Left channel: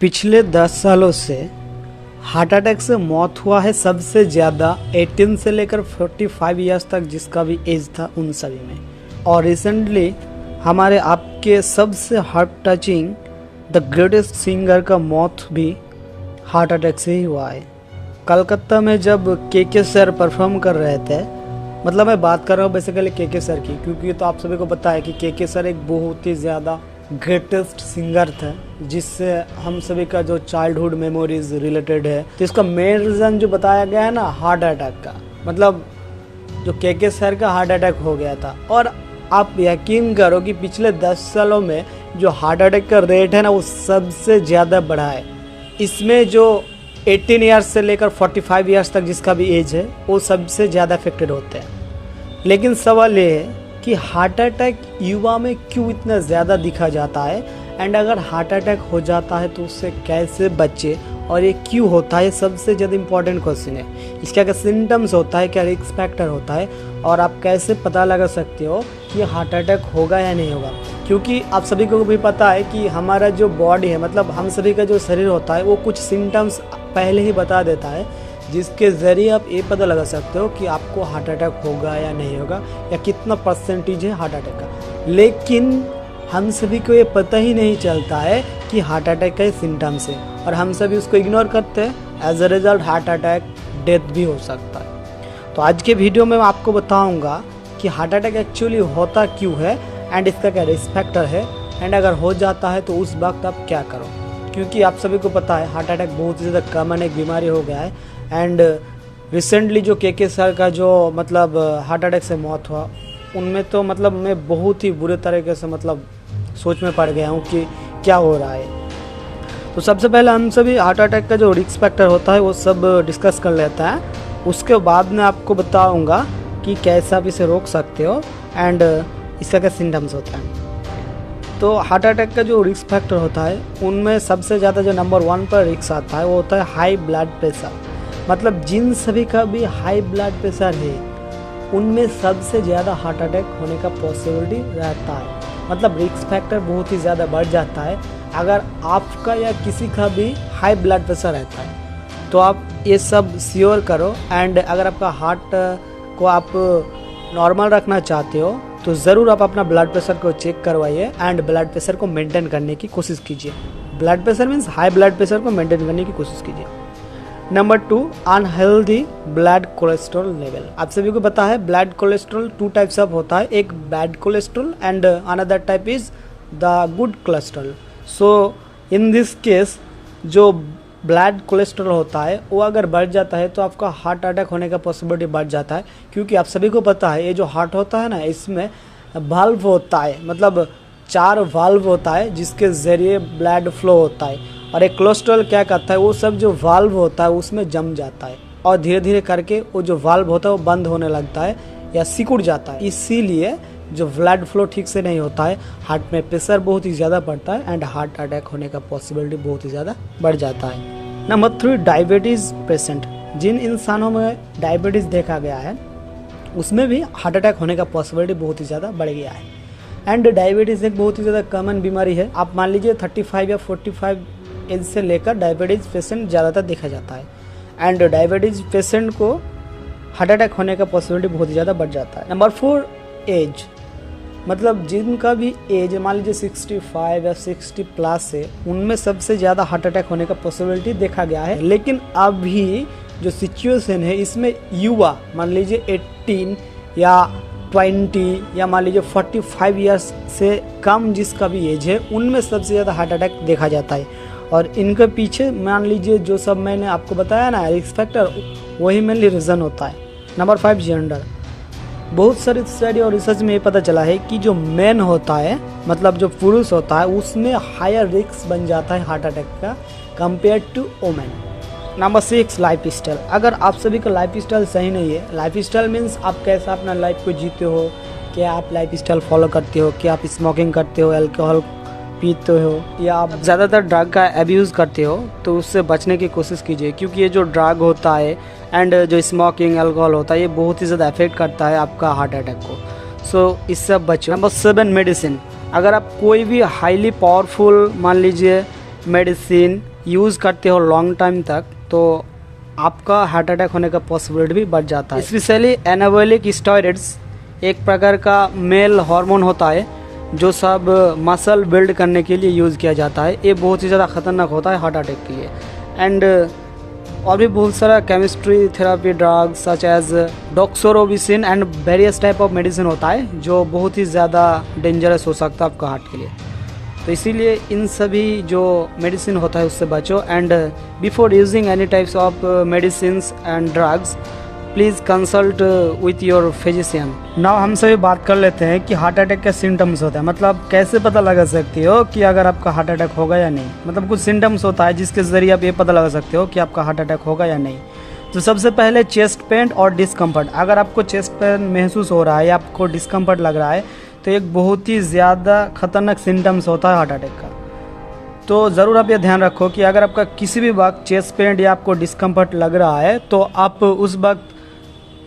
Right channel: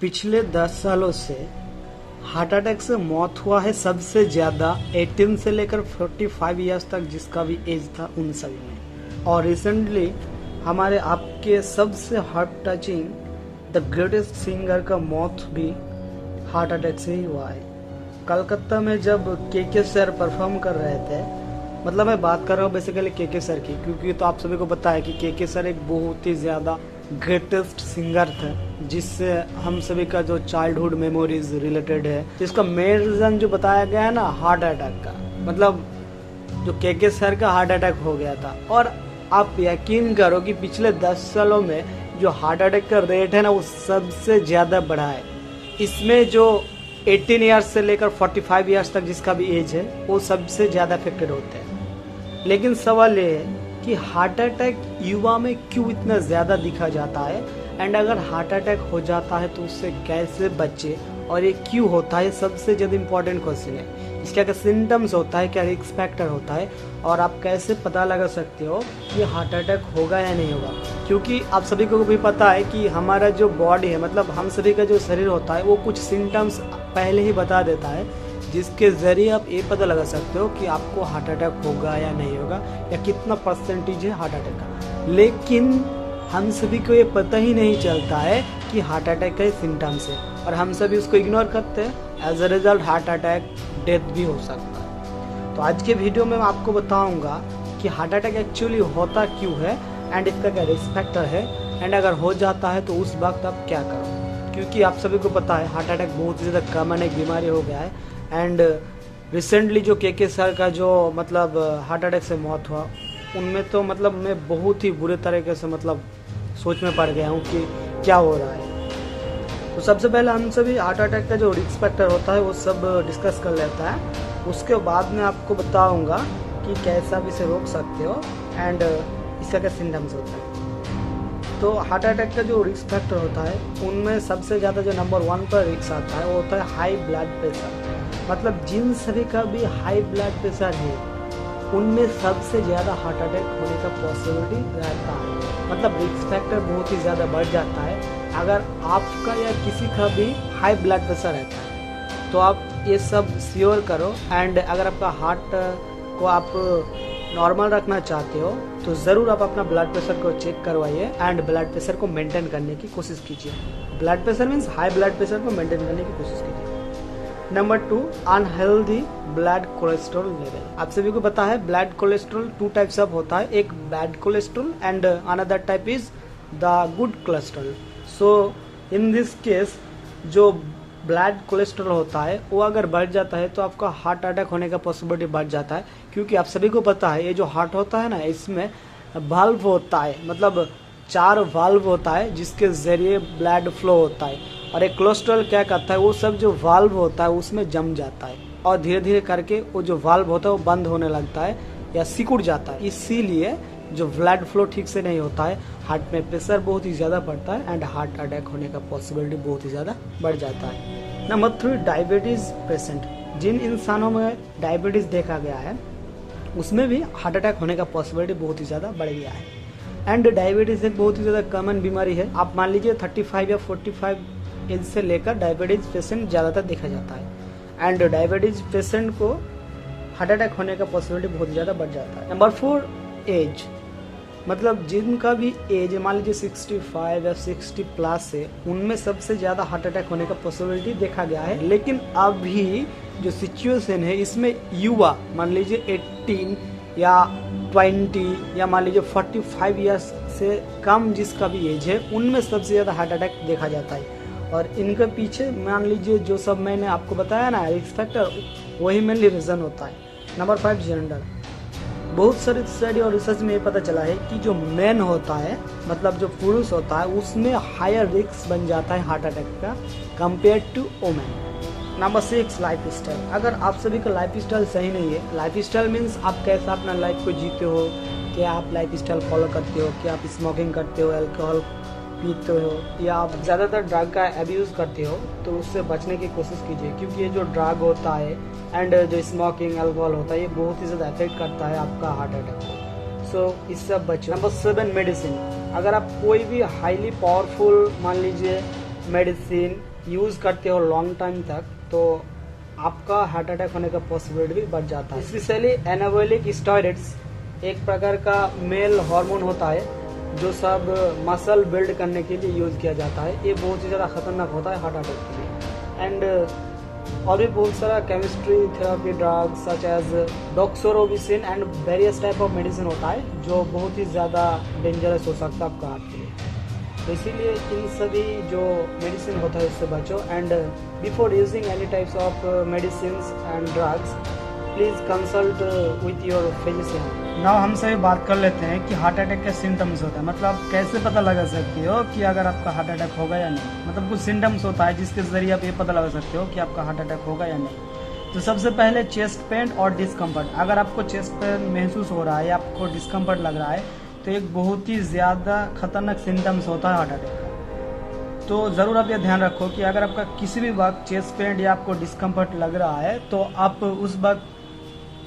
पिछले 10 सालों से हार्ट अटैक से मौत हुआ है सबसे ज़्यादा 18 से लेकर 45 इयर्स तक जिसका भी एज था उन सभी में। और रिसेंटली हमारे आपके सबसे heart touching the greatest singer का मौत भी हार्ट अटैक से ही हुआ है। कलकत्ता में जब के सर परफॉर्म कर रहे थे, मतलब मैं बात कर रहा हूँ बेसिकली के सर की, क्योंकि तो आप सभी को पता है कि के सर एक बहुत ही ज़्यादा ग्रेटेस्ट सिंगर थे जिससे हम सभी का जो चाइल्डहुड मेमोरीज रिलेटेड है। तो इसका मेन रीज़न जो बताया गया है ना, हार्ट अटैक का, मतलब जो के सर का हार्ट अटैक हो गया था। और आप यकीन करो कि पिछले 10 सालों में जो हार्ट अटैक का रेट है ना, वो सबसे ज़्यादा बढ़ा है। इसमें जो 18 ईयर्स से लेकर 45 ईयर्स तक जिसका भी एज है वो सबसे ज़्यादा अफेक्टेड होते हैं। लेकिन सवाल ये है कि हार्ट अटैक युवा में क्यों इतना ज़्यादा दिखा जाता है, एंड अगर हार्ट अटैक हो जाता है तो उससे कैसे बचे और ये क्यों होता है, सबसे ज़्यादा इम्पोर्टेंट क्वेश्चन है। इसका क्या सिम्टम्स होता है, क्या रिस्क फैक्टर होता है, और आप कैसे पता लगा सकते हो कि हार्ट अटैक होगा या नहीं होगा। क्योंकि आप सभी को भी पता है कि हमारा जो बॉडी है, मतलब हम सभी का जो शरीर होता है, वो कुछ सिम्टम्स पहले ही बता देता है जिसके ज़रिए आप ये पता लगा सकते हो कि आपको हार्ट अटैक होगा या नहीं होगा, या कितना परसेंटेज है हार्ट अटैक का। लेकिन हम सभी को ये पता ही नहीं चलता है कि हार्ट अटैक का सिम्टम्स है, और हम सभी उसको इग्नोर करते हैं। As a result heart attack death भी हो सकता है। तो आज के वीडियो में मैं आपको बताऊंगा कि हार्ट अटैक एक्चुअली होता क्यों है, एंड इसका क्या रिस्क फैक्टर है, एंड अगर हो जाता है तो उस वक्त आप क्या करो। क्योंकि आप सभी को पता है हार्ट अटैक बहुत ही ज़्यादा कॉमन एक बीमारी हो गया है। एंड रिसेंटली जो के सर का जो मतलब हार्ट अटैक से मौत हुआ, उनमें तो मतलब मैं बहुत ही बुरे तरीके से मतलब सोच में पड़ गया हूँ कि क्या हो रहा है। तो सबसे पहले हम सभी हार्ट अटैक का जो रिस्क फैक्टर होता है वो सब डिस्कस कर लेता है। उसके बाद मैं आपको बताऊँगा कि कैसे आप इसे रोक सकते हो एंड इसका क्या सिम्टम्स होता है। तो हार्ट अटैक का जो रिस्क फैक्टर होता है उनमें सबसे ज़्यादा जो नंबर 1 पर रिस्क आता है वो होता है हाई ब्लड प्रेशर। मतलब जिन सभी का भी हाई ब्लड प्रेशर है उनमें सबसे ज़्यादा हार्ट अटैक होने का पॉसिबिलिटी रहता है। मतलब रिस्क फैक्टर बहुत ही ज़्यादा बढ़ जाता है अगर आपका या किसी का भी हाई ब्लड प्रेशर रहता है। तो आप ये सब श्योर करो, एंड अगर आपका हार्ट को आप नॉर्मल रखना चाहते हो तो ज़रूर आप अपना ब्लड प्रेशर को चेक करवाइए एंड ब्लड प्रेशर को मेंटेन करने की कोशिश कीजिए। Blood pressure means high blood pressure को मेंटेन करने की कोशिश कीजिए। Number 2, unhealthy blood cholesterol level. आप सभी को पता है ब्लड कोलेस्ट्रॉल 2 टाइप्स ऑफ होता है, एक bad cholesterol and another type is the good cholesterol. So in this case जो ब्लड कोलेस्ट्रॉल होता है वो अगर बढ़ जाता है तो आपका हार्ट अटैक होने का पॉसिबिलिटी बढ़ जाता है। क्योंकि आप सभी को पता है ये जो हार्ट होता है ना, इसमें वाल्व होता है, मतलब 4 वाल्व होता है जिसके ज़रिए ब्लड फ्लो होता है। और एक कोलेस्ट्रॉल क्या करता है, वो सब जो वाल्व होता है उसमें जम जाता है और धीरे धीरे करके वो जो वाल्व होता है वो बंद होने लगता है या सिकुड़ जाता है। इसीलिए जो ब्लड फ्लो ठीक से नहीं होता है, हार्ट में प्रेशर बहुत ही ज़्यादा बढ़ता है एंड हार्ट अटैक होने का पॉसिबिलिटी बहुत ही ज़्यादा बढ़ जाता है। Number 3, diabetes patient. जिन इंसानों में डायबिटीज़ देखा गया है उसमें भी हार्ट अटैक होने का पॉसिबिलिटी बहुत ही ज़्यादा बढ़ गया है। एंड डायबिटीज़ एक बहुत ही ज़्यादा कॉमन बीमारी है। आप मान लीजिए 35 या 45 एज से लेकर डायबिटीज़ पेशेंट ज़्यादातर देखा जाता है, एंड डायबिटीज़ पेशेंट को हार्ट अटैक होने का पॉसिबिलिटी बहुत ही ज़्यादा बढ़ जाता है। Number 4, age. मतलब जिनका भी एज मान लीजिए 65 या 60 प्लस है उनमें सबसे ज़्यादा हार्ट अटैक होने का पॉसिबिलिटी देखा गया है। लेकिन अभी जो सिचुएशन है इसमें युवा मान लीजिए 18 या 20 या मान लीजिए 45 ईयर्स से कम जिसका भी एज है उनमें सबसे ज़्यादा हार्ट अटैक देखा जाता है। और इनके पीछे मान लीजिए जो सब मैंने आपको बताया ना रिस्क फैक्टर, वही मेनली रीज़न होता है। Number 5, gender. बहुत सारी स्टडी और रिसर्च में ये पता चला है कि जो मैन होता है, मतलब जो पुरुष होता है, उसमें हायर रिस्क बन जाता है हार्ट अटैक का compare to women. Number 6, life style. अगर आप सभी का लाइफ स्टाइल सही नहीं है, लाइफ स्टाइल मीन्स आप कैसा अपना लाइफ को जीते हो, क्या आप लाइफ स्टाइल फॉलो करते हो, क्या आप स्मोकिंग करते हो, अल्कोहल पीते हो, या आप ज़्यादातर ड्रग का एब्यूज़ करते हो, तो उससे बचने की कोशिश कीजिए। क्योंकि ये जो ड्रग होता है एंड जो स्मोकिंग अल्कोहल होता है ये बहुत ही ज़्यादा अफेक्ट करता है आपका हार्ट अटैक को। सो इससे बचो। Number 7, medicine. अगर आप कोई भी हाईली पावरफुल मान लीजिए मेडिसिन यूज़ करते हो लॉन्ग टाइम तक तो आपका हार्ट अटैक होने का पॉसिबिलिटी भी बढ़ जाता है। स्पेशली एनाबॉलिक स्टेरॉइड्स एक प्रकार का मेल हार्मोन होता है जो सब मसल बिल्ड करने के लिए यूज़ किया जाता है। ये बहुत ही ज़्यादा खतरनाक होता है हार्ट अटैक के लिए। एंड और भी बहुत सारा chemistry therapy drugs such as doxorubicin and various type of medicine होता है जो बहुत ही ज़्यादा डेंजरस हो सकता है आपका हार्ट के लिए। तो इसीलिए इन सभी जो मेडिसिन होता है उससे बचो। And before using any types of medicine and drugs please consult with your physician. Now हम सभी बात कर लेते हैं कि हार्ट अटैक का सिम्टम्स होता है, मतलब कैसे पता लगा सकते हो कि अगर आपका हार्ट अटैक होगा या नहीं। मतलब कुछ सिम्टम्स होता है जिसके ज़रिए आप ये पता लगा सकते हो कि आपका हार्ट अटैक होगा या नहीं। तो सबसे पहले चेस्ट पेन और डिस्कम्फर्ट। अगर आपको चेस्ट पेन महसूस हो रहा है या आपको डिस्कम्फर्ट लग रहा है तो एक बहुत ही ज़्यादा खतरनाक सिम्टम्स होता है हार्ट अटैक का। तो ज़रूर आप ये ध्यान रखो कि अगर आपका किसी भी वक्त चेस्ट पेन या आपको डिस्कम्फर्ट लग रहा है तो आप उस वक्त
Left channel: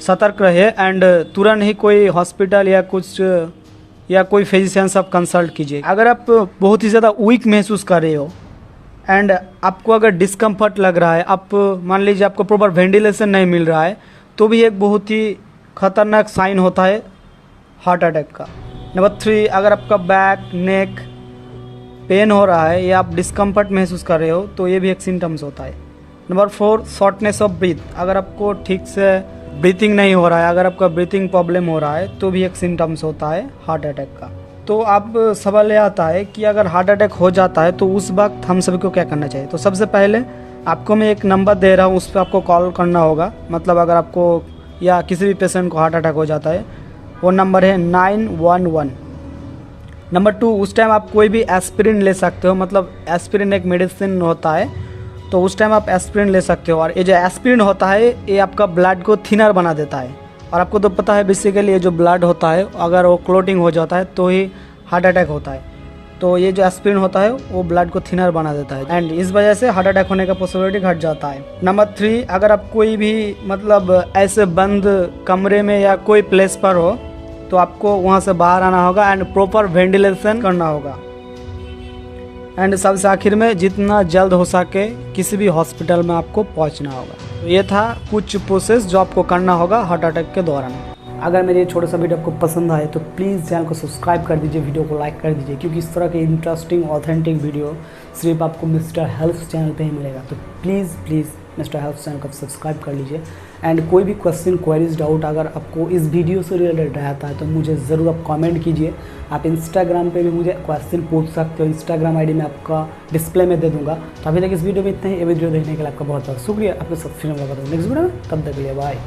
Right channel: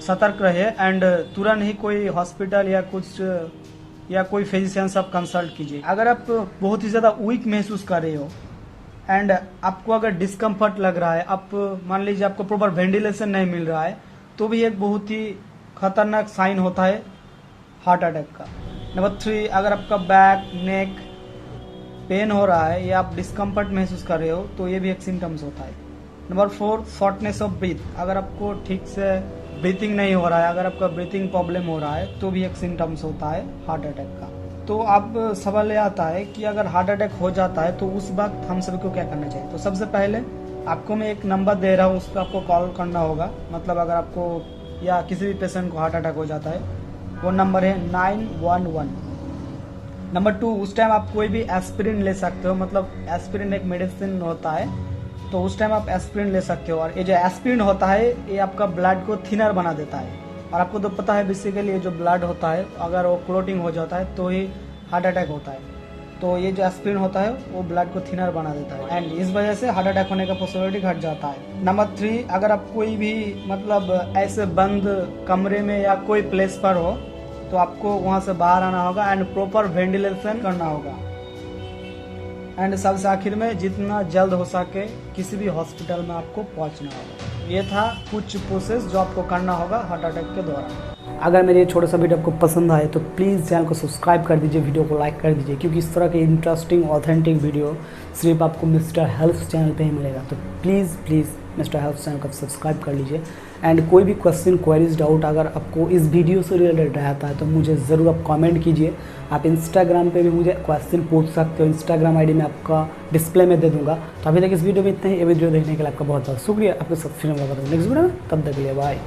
सतर्क रहिए एंड तुरंत ही कोई हॉस्पिटल या कोई फिजिशियन से आप कंसल्ट कीजिए। अगर आप बहुत ही ज़्यादा वीक महसूस कर रहे हो एंड आपको अगर डिस्कम्फर्ट लग रहा है, आप मान लीजिए आपको प्रॉपर वेंटिलेशन नहीं मिल रहा है, तो भी एक बहुत ही खतरनाक साइन होता है हार्ट अटैक का। नंबर 3, अगर आपका बैक नेक पेन हो रहा है या आप डिस्कम्फर्ट महसूस कर रहे हो तो ये भी एक सिम्टम्स होता है। Number 4, shortness of breath. अगर आपको ठीक से ब्रीथिंग नहीं हो रहा है, अगर आपका ब्रीथिंग प्रॉब्लम हो रहा है तो भी एक सिम्टम्स होता है हार्ट अटैक का। तो अब सवाल ये आता है कि अगर हार्ट अटैक हो जाता है तो उस वक्त हम सभी को क्या करना चाहिए। तो सबसे पहले आपको मैं एक नंबर दे रहा हूँ, उस पर आपको कॉल करना होगा। मतलब अगर आपको या किसी भी पेशेंट को हार्ट अटैक हो जाता है, वो नंबर है 911। नंबर 2, उस टाइम आप कोई भी एस्पिरिन ले सकते हो। मतलब एस्पिरिन एक मेडिसिन होता है, तो उस टाइम आप एस्पिरिन ले सकते हो। और ये जो एस्पिरिन होता है ये आपका ब्लड को थिनर बना देता है। और आपको तो पता है बेसिकली ये जो ब्लड होता है अगर वो क्लोटिंग हो जाता है तो ही हार्ट अटैक होता है। तो ये जो एस्पिरिन होता है वो ब्लड को थिनर बना देता है एंड इस वजह से हार्ट अटैक होने का पॉसिबिलिटी घट जाता है। नंबर 3, अगर आप कोई भी मतलब ऐसे बंद कमरे में या कोई प्लेस पर हो तो आपको वहाँ से बाहर आना होगा एंड प्रॉपर वेंटिलेशन करना होगा। एंड सबसे आखिर में जितना जल्द हो सके किसी भी हॉस्पिटल में आपको पहुंचना होगा। ये था कुछ प्रोसेस जो आपको करना होगा हार्ट अटैक के दौरान। अगर मेरे ये छोटा सा वीडियो आपको पसंद आए तो प्लीज़ चैनल को सब्सक्राइब कर दीजिए, वीडियो को लाइक कर दीजिए, क्योंकि इस तरह के इंटरेस्टिंग ऑथेंटिक वीडियो सिर्फ आपको मिस्टर हेल्थ चैनल पे ही मिलेगा। तो प्लीज़ मिस्टर हेल्थ चैनल को सब्सक्राइब कर लीजिए। एंड कोई भी क्वेश्चन क्वेरीज डाउट अगर आपको इस वीडियो से रिलेटेड रहता है तो मुझे ज़रूर आप कमेंट कीजिए। आप इंस्टाग्राम पे भी मुझे क्वेश्चन पूछ सकते हो, इंस्टाग्राम आईडी में आपका डिस्प्ले में दे दूंगा। तो अभी तक इस वीडियो में इतना ही। ये वीडियो देखने के लिए आपका बहुत बहुत शुक्रिया। आपके साथ फिर मुलाकात होगी नेक्स्ट वीडियो में, तब तक के लिए बाय।